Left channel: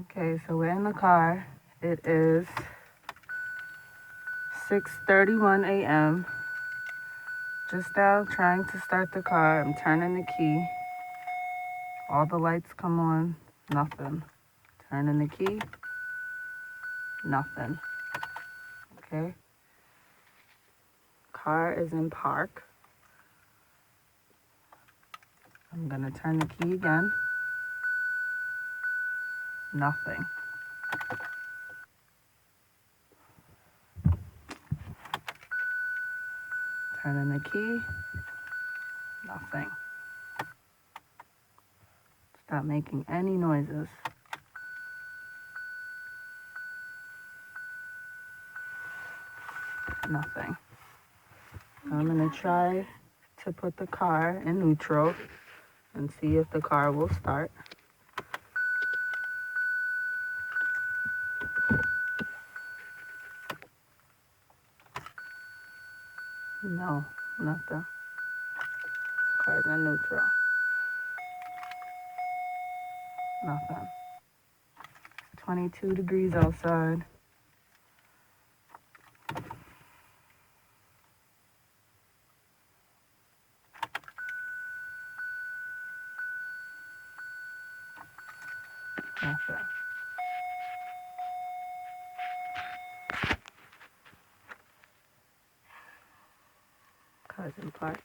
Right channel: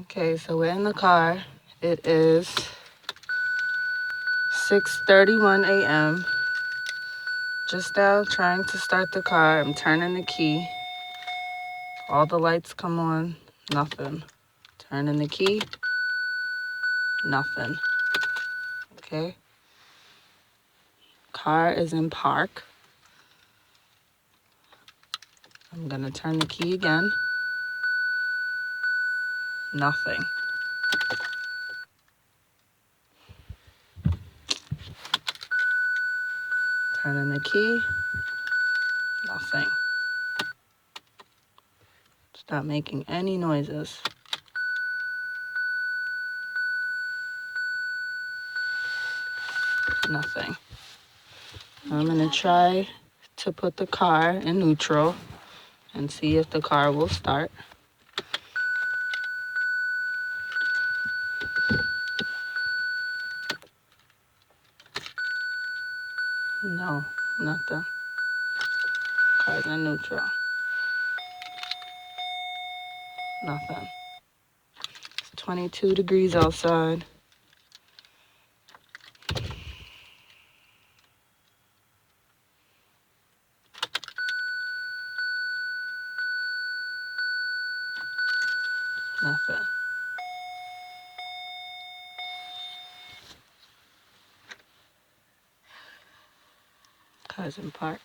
Okay, so we're in the car. It is 6:31 a.m. Just now trying to start the car. I'm turning the key. All the lights come on. Nothing. Turning the key. Nothing. Okay. Car is in park. I'm gonna turn the key again. Nothing. Turning the key. Nothing. It's not making any noises. Nothing. I'm gonna try to put the car in neutral and see if the car will start. No, nothing. Car's in neutral. Nothing. It's 22 degrees outside. Nothing. Car's in park.